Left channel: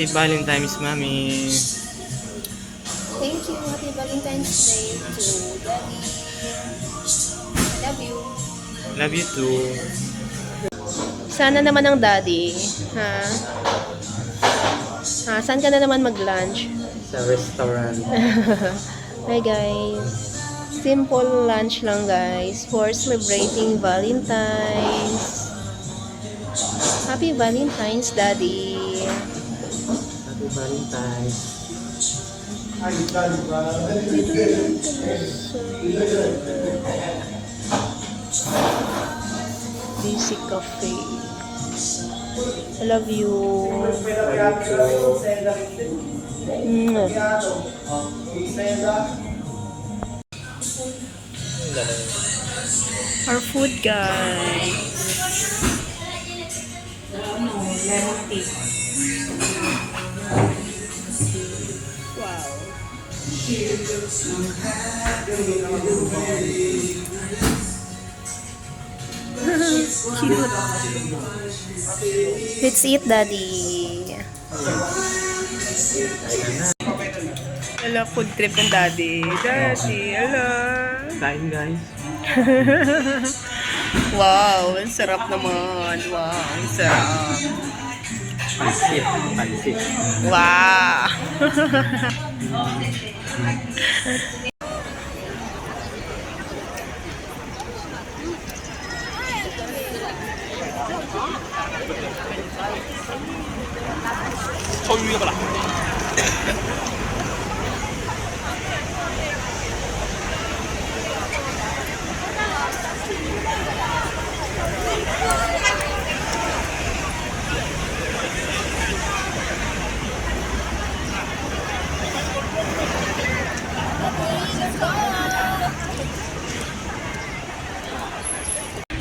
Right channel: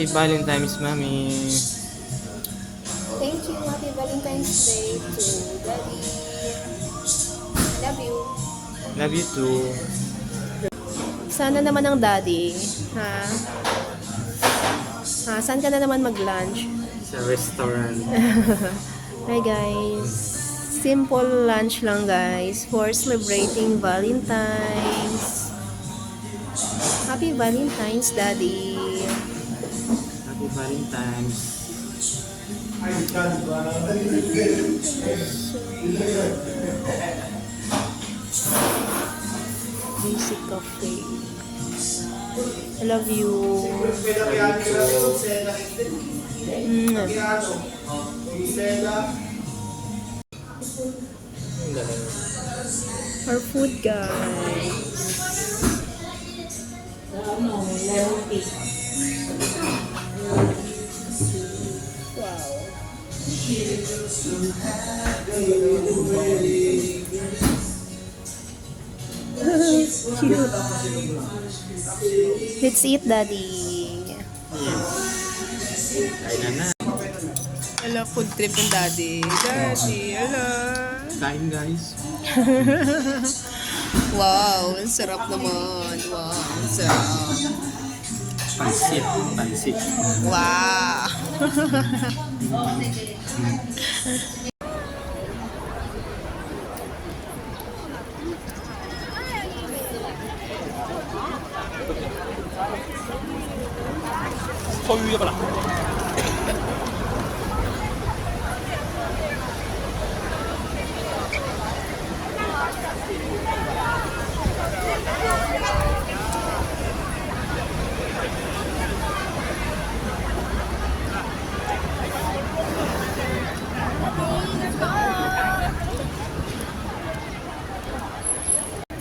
Happy Valentine's, Mami. Thank you. Happy Valentine's Day to Daddy. I love you. Love you too. Sana naman ang daddy. Ha? Ha? Saan ka na naman mag-lunch? Sa restaurant. Hi guys. Simple lunch lang guys for celebrating Valentine's. Happy Valentine's, Daddy. Happy Valentine's. Basic Cafe. I love you. Our food, guys. Let's eat, Daddy. Hello, food trip ng Daddy. Daddy, hello. Kain, guys. Wow, ang sarap naman. Wow, ang sarap. Pansit. Pansit. Wow.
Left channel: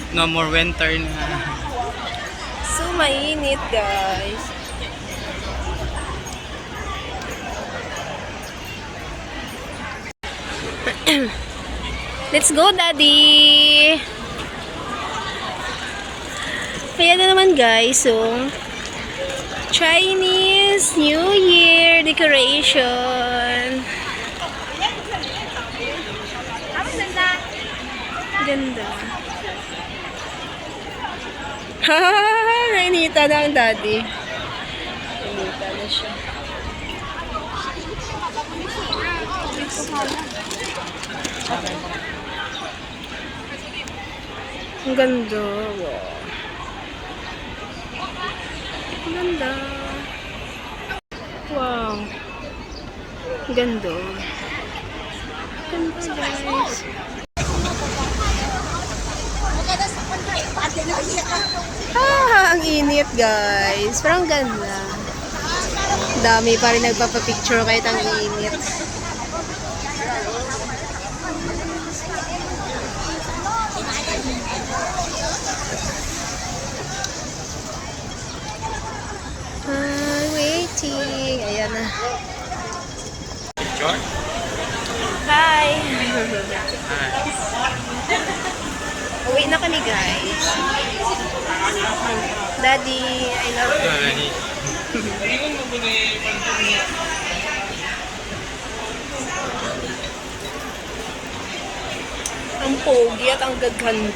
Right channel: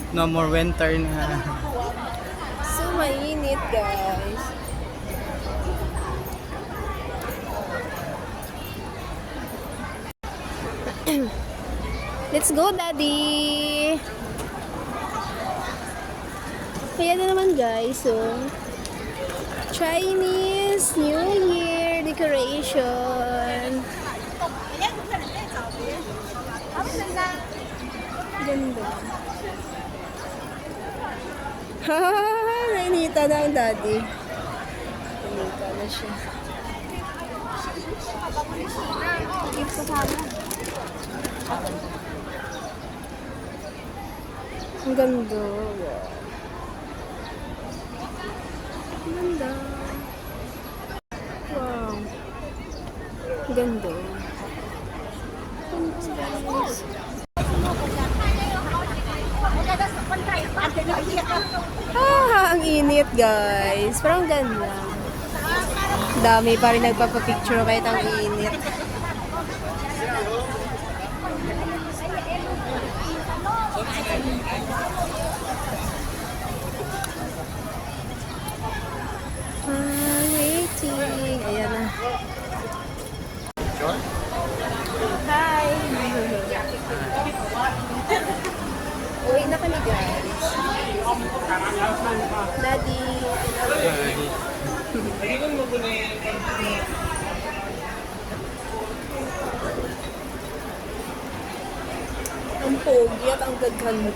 No more winter na. So, mainit, guys. Let's go, Daddy! Kaya na naman, guys. So, Chinese New Year decoration. Ganda. Hahaha! Nainita na ang Daddy. Nainita na siya. Ang ganda. Ang ganda. Wow. Ang ganda. Ang ganda, guys. Ang init, guys. Pero ang ganda. Dami pa rin nagpapapicture kahit ang init. Waiting. Ayan na. Hi! Uwi na kami, guys. Daddy, I love you. Ang pogi at ang gaganda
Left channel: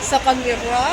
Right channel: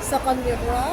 sa kamera.